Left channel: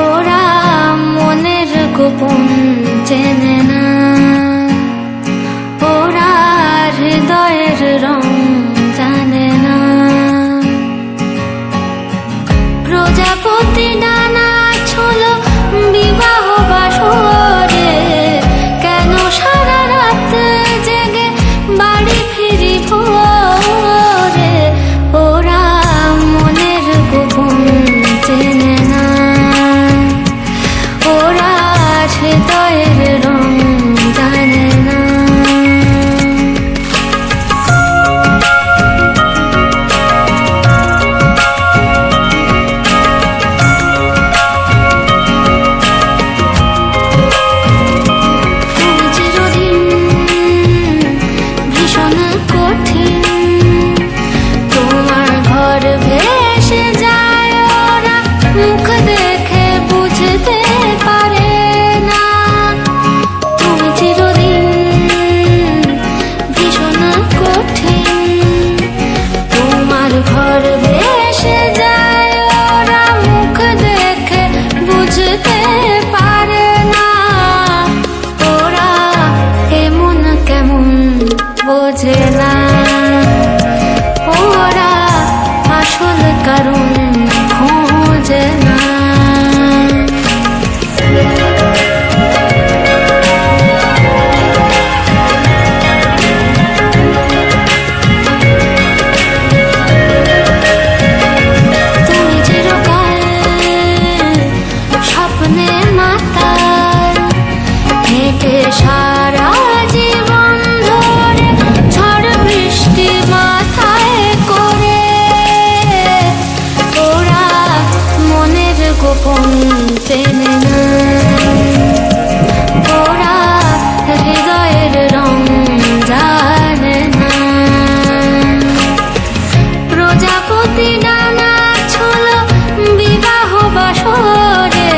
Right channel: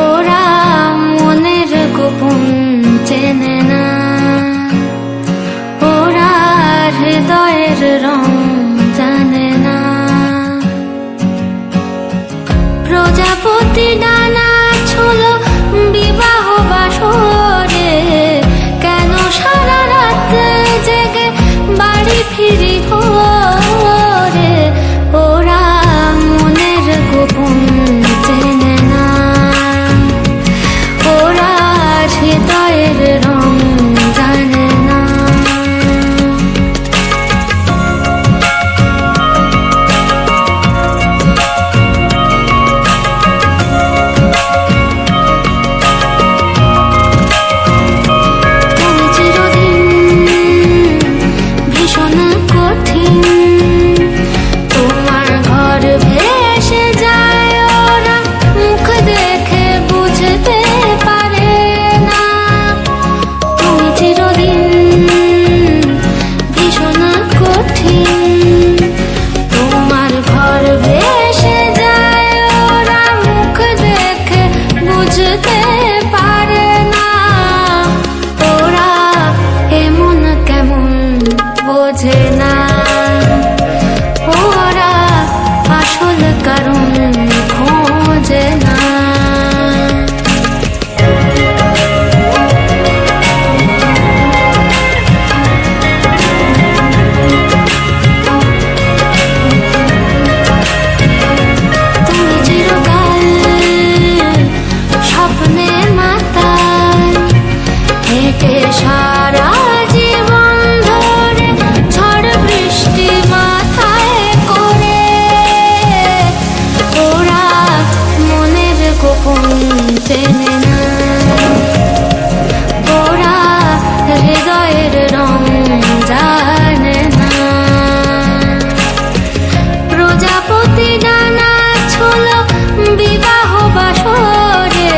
ওরা মনের গোপন চেনে না, ওরা হৃদয়ের রং জানে না। প্রজাপতি ডানা ছোল বিবাহ বাসরে, কেন সারা রাত জেগে বাড়ি ফিরি ভোরে। ওরা মনের গোপন চেনে না, ওরা হৃদয়ের রং জানে না। তুমি চিরদিন ভীষণ কঠিন, তোমার ঘর ভেসে যায়, ওরা মুখ দেখে বুঝতে পারে না। তুমি চিরদিন ভীষণ কঠিন, তোমার ঘর ভেসে যায়, ওরা মুখ দেখে বুঝতে পারে না। ওরা এমন কেমন বোঝে না, ওরা আসল কারণ খোঁজে না। তুমি চিরকাল স্বপ্নে মাতাল, হেঁটে সারা জীবন ধরে ঝড় বৃষ্টি মাথায় করে। ওরা মনের গোপন চেনে না, ওরা হৃদয়ের রং জানে না। প্রজাপতি ডানা ছোল বিবাহ বাসরে,